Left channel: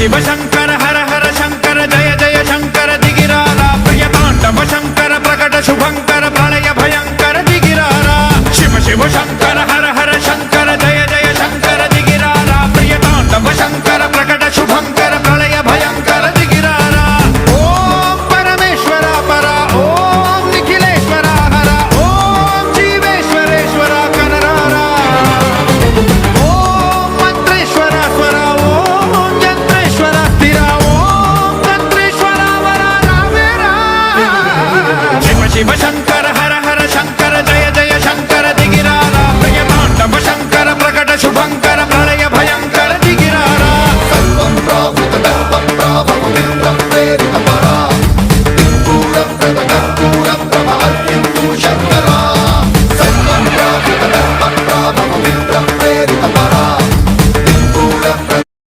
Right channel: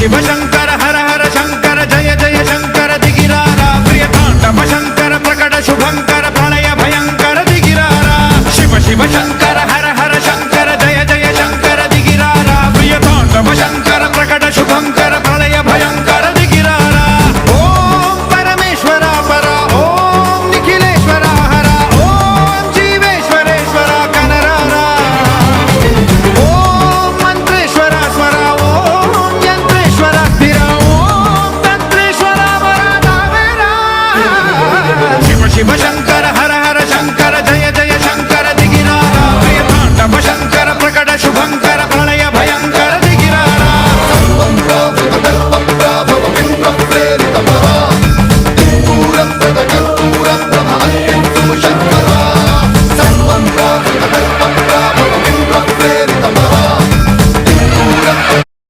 शिव शंकर हर हर शंकर जय जय शंकर दिगिरारा प्रिय तांडव शंकर प्रकट शुभंकर प्रलय भयंकर दिगिरारा शिव शिव शंकर